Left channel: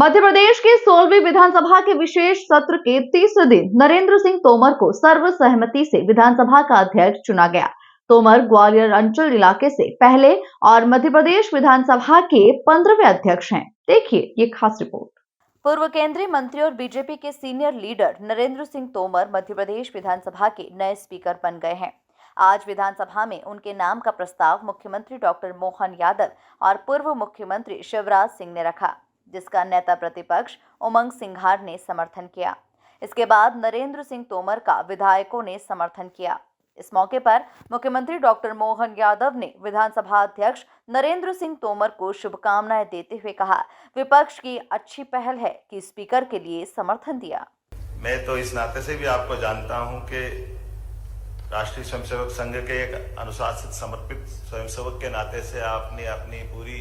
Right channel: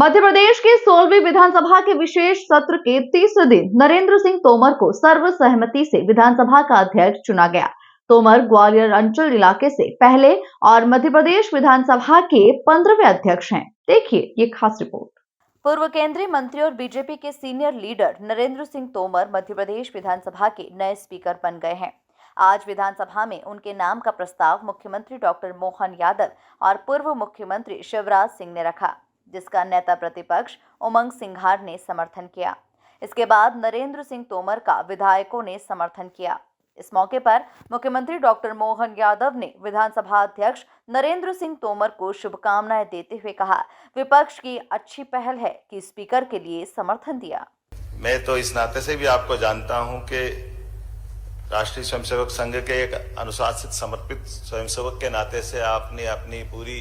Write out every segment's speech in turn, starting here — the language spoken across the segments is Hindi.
मध्य प्रदेश के 16वीं विधानसभा के विशेष सत्र के तीसरे दिन नरेंद्र सिंह तोमर को सर्वसहमति से विधानसभा का अध्यक्ष चुना गया। तोमर ग्वालियर अंचल इलाके से पहले और मध्य प्रदेश विधानसभा के 15वें अध्यक्ष हैं। देखिए ये खास रिपोर्ट। पूर्व केंद्रीय मंत्री और बीजेपी के सीनियर लीडर नरेंद्र सिंह तोमर मध्य प्रदेश विधानसभा के नए स्पीकर बन गए हैं। आज विधानसभा में उनके नाम का प्रस्ताव मुख्यमंत्री डॉक्टर मोहन यादव और पूर्व मुख्यमंत्री शिवराज सिंह ने रखा, जिसका नेता प्रतिपक्ष उमंग सिंघार ने समर्थन किया। इसके बाद नरेंद्र सिंह तोमर का विधायकों ने समर्थन किया। इस मौके पर मुख्यमंत्री डॉक्टर मोहन यादव ने विधानसभा अध्यक्ष नरेंद्र सिंह तोमर को शुभकामनाएं देते हुए कहा, विपक्ष की अच्छी पहल है कि स्पीकर के लिए समर्थन दिया। मैं तो इस नाते से भी आपको जानता हूं कि राष्ट्रीय स्वयंसेवक संघ के एक अनुशासित समर्पित स्वयंसेवक के नाते से आपने अपनी पूरी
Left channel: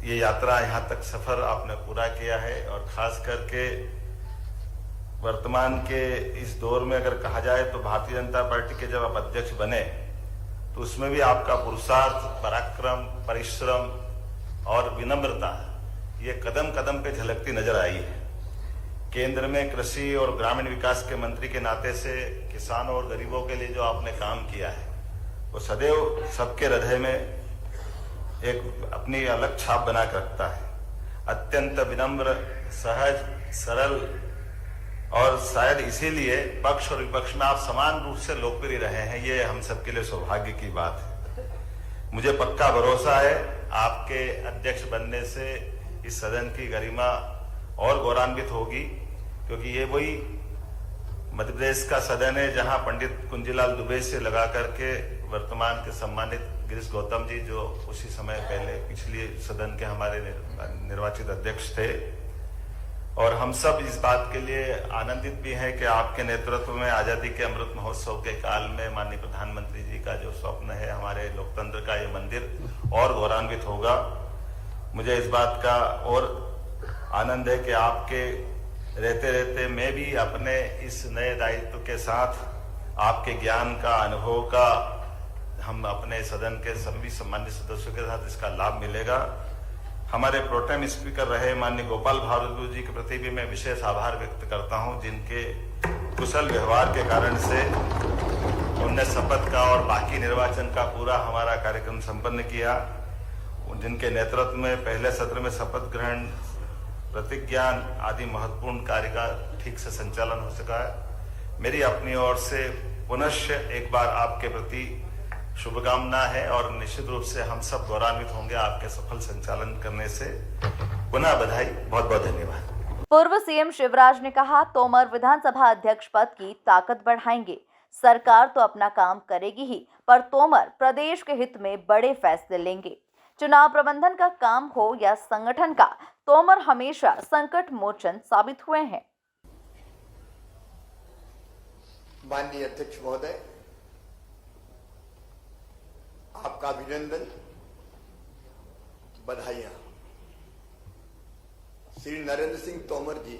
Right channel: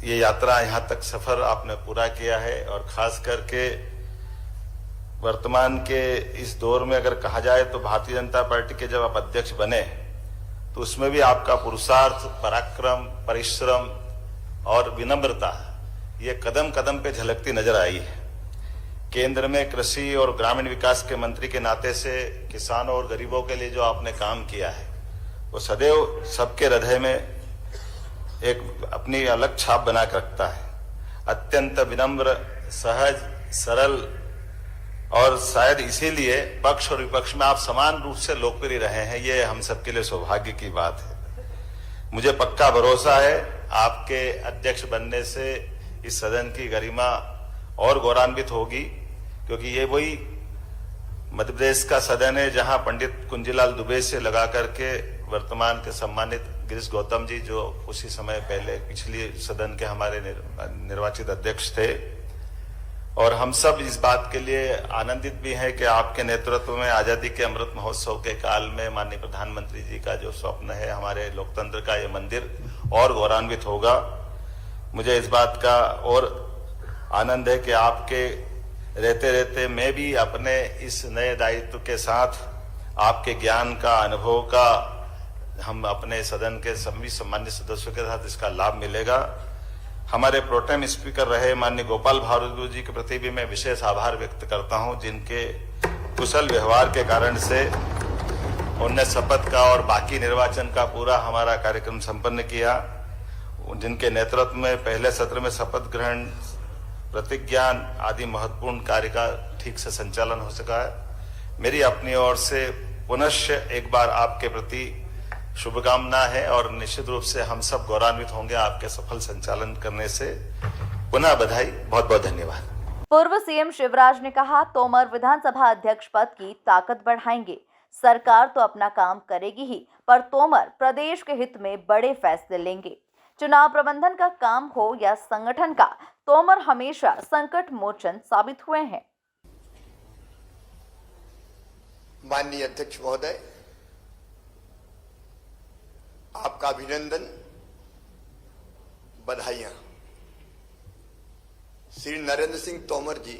ये यात्रा यहाँ तक सफर आपने पूरा किया है। और खास करके वर्तमान के इस दौर में अगर कहा जाए तो भारतीय जनता पार्टी के जब आप अध्यक्ष बने तो उसमें भी आपका पुरुषार्थ, पराक्रम, परिश्रम और विनम्रता ये कदम कदम पे झलकती नजर आई है। केंद्र में कृषि और ग्रामीण विकास के मंत्री के नाते से किसानों और गरीबों के लिए जो आपने काम किया है वो सदैव सबके हृदय में एक अपनी अलग छाप बना कर रखता है। अत्यंत विनम्र, सहज, सरल और शायद इसीलिए पक्ष और विपक्ष में आप समान रूप से लोकप्रिय रहे हैं। ये हम सबके लिए सौभाग्य की बात है। मुझे पक्का भरोसा है आपके अध्यक्ष बनने से इस सदन की गरिमा और गौरवान्वित होगी, क्योंकि ये वही मध्य प्रदेश का सदन है जहां पंडित कुंजीलाल दुबे से लगा करके वर्तमान के सम्मानित गिरीश गौतम जी जो उसी समय पहले पिछले सदन के हमारे निर्वाचित अध्यक्ष थे। और हम सब इस बात के लिए आनंदित भी हैं कि आपके नेतृत्व में आजादी के अमृत महोत्सव के काल में माननीय प्रधानमंत्री जी का जो स्वप्न है हमारे लोकतंत्र का ये मंदिर और गौरवान्वित होगा। मुझे इस बात का और आनंद है कि आपके रहते रहते मैं भी अपने इस नए दायित्व के साथ आपके ज्ञान का, अनुभव का हम अपने सदन के सभी सम्मानित सदस्यों के साथ इसका लाभ मिलेगा। हमारे प्रोटेम स्पीकर रहे माननीय गोपाल भार्गव जी के प्रति भी मैं विशेष आभार व्यक्त करता हूं, जिनके कुशल व्यवहार के कारण से उनने शपथ का और बाकी निर्वाचन का पूरा हमारा कार्यक्रम संपन्न किया। जिनके नेतृत्व में पहले सत्र में शपथ ग्रहण, प्रतिज्ञान आदि महत्वपूर्ण कार्य का ठीक से संचालन हो सका है। मेरी अपनी ओर से पुनश्च एक बार आपके प्रति शुभकामना है और निश्चित रूप से हम सब गौरवान्वित होंगे आपके सफल संचालन करने से। पुनः बधाई, बहुत बहुत धन्यवाद। पूर्व सीएम शिवराज ने कहा, तोमर विधानसभा अध्यक्ष पद की ताकत बढ़ाएंगे। सरकार तो अपना काम करेगी ही, पर तोमर प्रदेश के हित में बड़े फैसले लेंगे। चुनाव प्रबंधन का काम हो या संगठन का, तोमर हमेशा संकट मोचन साबित हुए हैं। माननीय अध्यक्ष महोदय, आपका अभिनंदन, बधाइयां। श्री नरेंद्र सिंह तोमर जी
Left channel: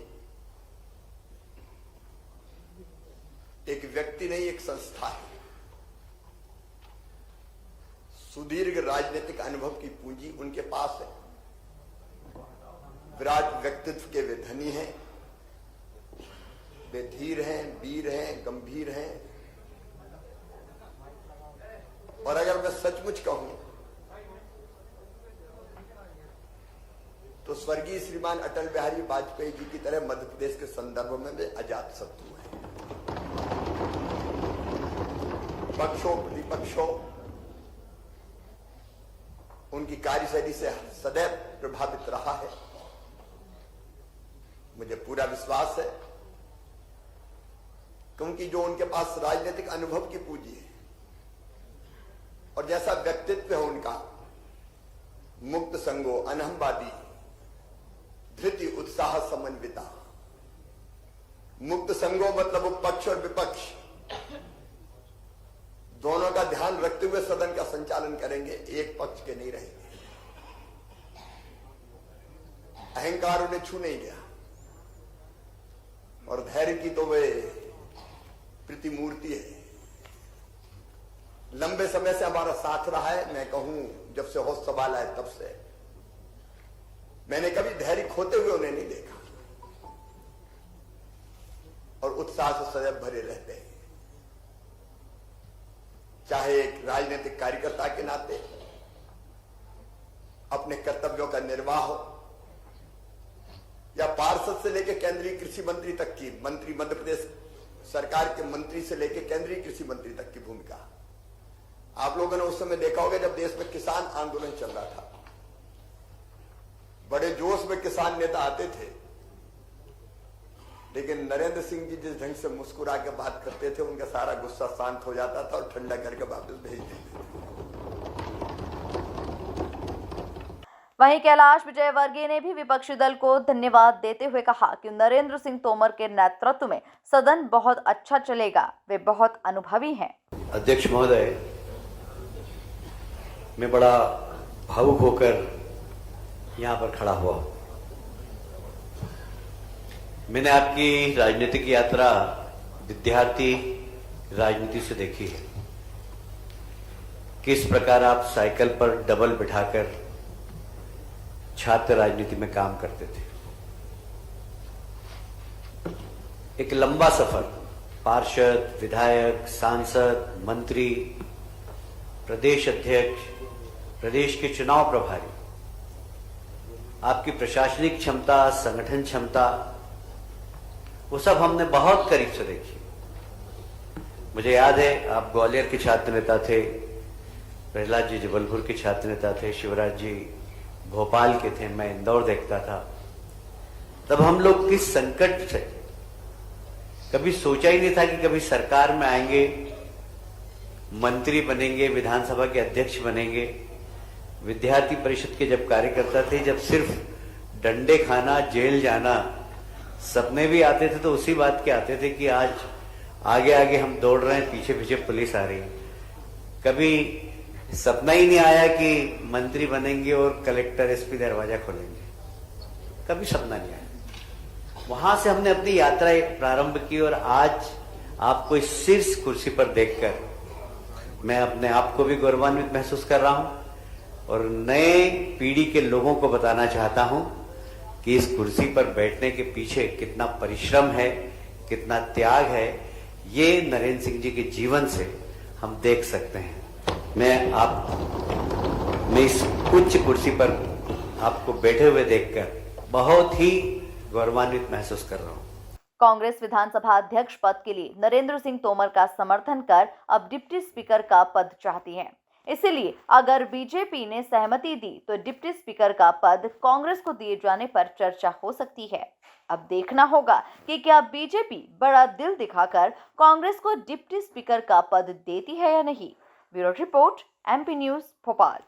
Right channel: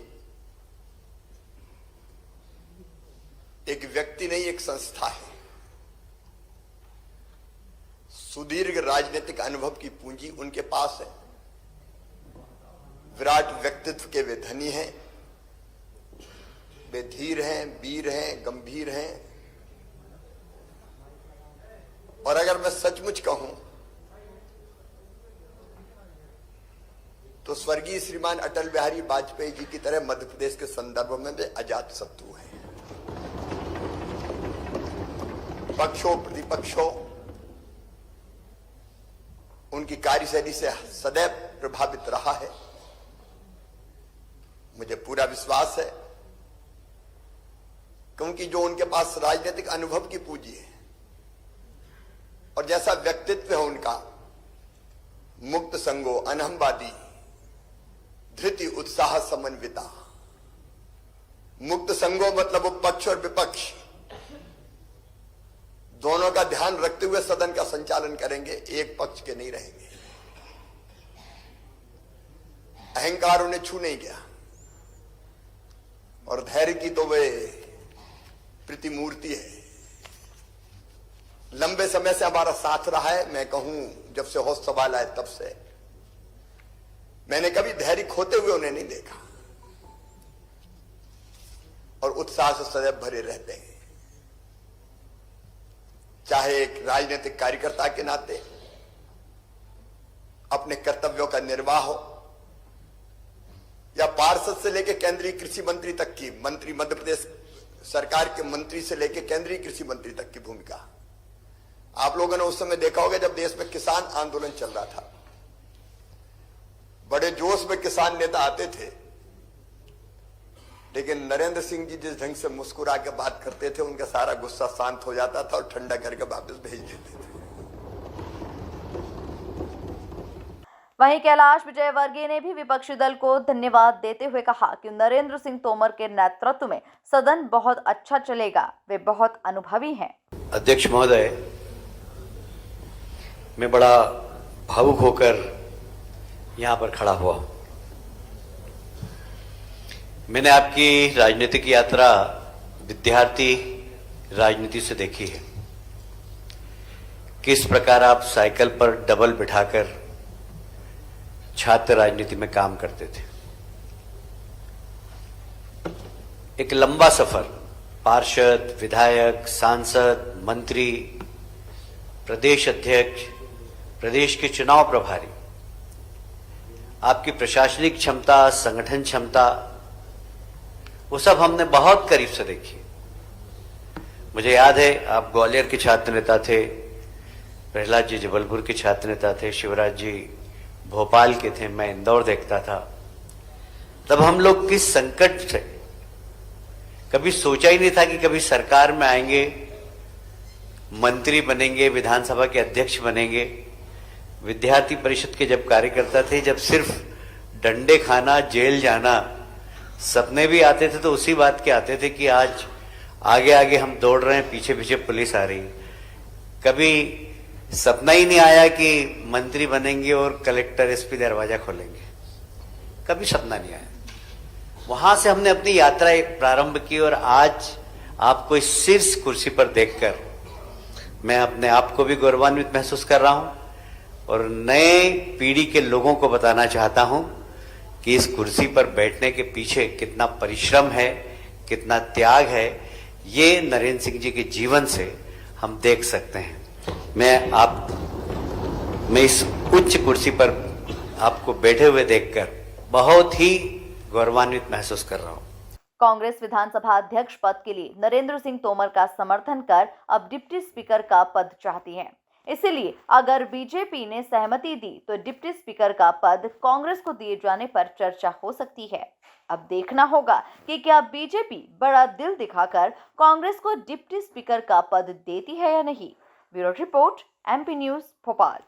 एक व्यक्ति नहीं, एक संस्था है। सुदीर्घ राजनीतिक अनुभव की पूंजी उनके पास है। विराट व्यक्तित्व के वे धनी हैं। वे धीर हैं, वीर हैं, गंभीर हैं। और अगर मैं सचमुच कहूं तो स्वर्गीय श्रीमान अटल बिहारी वाजपेयी जी की तरह मध्य प्रदेश के संदर्भ में वे अजात शत्रु हैं। पक्षों प्रतिपक्षों उनकी कार्यशैली से सदैव प्रभावित रहा है। मुझे पूरा विश्वास है क्योंकि जो उनके पास राजनीतिक अनुभव की पूंजी है और जैसा व्यक्तित्व है उनका, मुक्त संगो, अनहमवादी, धृति, उत्साह, समन्विता। मुक्त संगो मतलब वो पक्ष और विपक्ष दोनों का ध्यान रखते हुए सदन का संचालन करेंगे, एक पक्ष के नहीं रहेंगे। अहंकार उन्हें छू नहीं गया और धैर्य की तो वे प्रतिमूर्ति है। लंबे समय से हमारा साथ रहा है। मैं कहूं जब से होश सवाल आए तब से मैंने कभी धैर्य खोते हुए उन्हें नहीं देखा और उत्साह से सदैव भरे रहते हैं। चाहे एक राजनीतिक कार्यकर्ता के नाते अपने कर्तव्यों का निर्वाह हो या पार्षद से लेकर केंद्रीय कृषि मंत्री तक की मंत्री, मध्य प्रदेश सरकार के मंत्री से लेकर केंद्रीय कृषि मंत्री तक की भूमिका। आप लोगों ने उस समय देखा होगा जब देश में किसान आंदोलन चल रहा था, बड़े जोश में किसान नेता आते थे, लेकिन नरेंद्र सिंह जी जिस ढंग से मुस्कुरा के बात करते थे उनका सारा गुस्सा शांत हो जाता था और ठंडा करके वापस भेज देते थे। वहीं कैलाश विजयवर्गीय ने भी विपक्षी दल को धन्यवाद देते हुए कहा कि नरेंद्र सिंह तोमर के नेतृत्व में सदन बहुत अच्छा चलेगा, वे बहुत अनुभवी हैं। अध्यक्ष महोदय, मैं बड़ा भावुक होकर यहाँ पर खड़ा हुआ हूँ। मैंने आपकी राजनीतिक यात्रा विद्यार्थी राजनीति से देखी है, किस प्रकार आप साइकिल पर डबल बिठाकर छात्र राजनीति में काम करते थे। एक लंबा सफर, पार्षद, विधायक, सांसद, मंत्री, प्रदेश अध्यक्ष, प्रदेश के चुनाव प्रभारी, आपकी प्रशासनिक क्षमता, संगठन क्षमता, वो सब हमने बहुत करीब से देखी। मुझे याद है आप ग्वालियर के छात्र नेता थे, प्रहलाद जी जबलपुर के छात्र नेता थे, शिवराज जी भोपाल के थे, मैं इंदौर देखता था। तब हम लोग किस संकट से, कभी सोचा ही नहीं था कि कभी सरकार में आएंगे, मंत्री बनेंगे, विधानसभा के अध्यक्ष बनेंगे। विद्यार्थी परिषद के जब कार्यकर्ता थे, जब सिर्फ डंडे खाना, जेल जाना सपने भी आते थे तो उसी बात के आते थे कि आज आगे आगे हम दौड़ रहे हैं, पीछे पीछे पुलिस आ रही। कभी सपना ही नहीं आया कि मंत्री बनेंगे और कलेक्टर, एसपी दरवाजा खोलेंगे, कभी सपना नहीं आया। वहां से हमने अपनी यात्रा प्रारंभ की और आज आपको इस शीर्ष कुर्सी पर देखकर मैं अपने आप को भी गौरवान्वित महसूस कर रहा हूं और नए पीढ़ी के लोगों को बताना चाहता हूं कि इस कुर्सी पर बैठने के पीछे कितना परिश्रम है, कितना त्याग है, ये नरेंद्र सिंह जी के जीवन से हम देख सकते हैं। मैं इस उच्च कुर्सी पर आपको बैठे हुए देखकर बहुत ही गौरवान्वित महसूस कर रहा हूं। कांग्रेस विधानसभा अध्यक्ष पद के लिए नरेंद्र सिंह तोमर का समर्थन कर अब डिप्टी स्पीकर का पद चाहती है। इसलिए अगर बीजेपी ने सहमति दी तो डिप्टी स्पीकर का पद कांग्रेस को दिए जाने पर चर्चा हो सकती है। अब देखना होगा कि क्या बीजेपी बड़ा दिल दिखाकर कांग्रेस को डिप्टी स्पीकर का पद देती है या नहीं। Bureau report, MP news, Bhopal.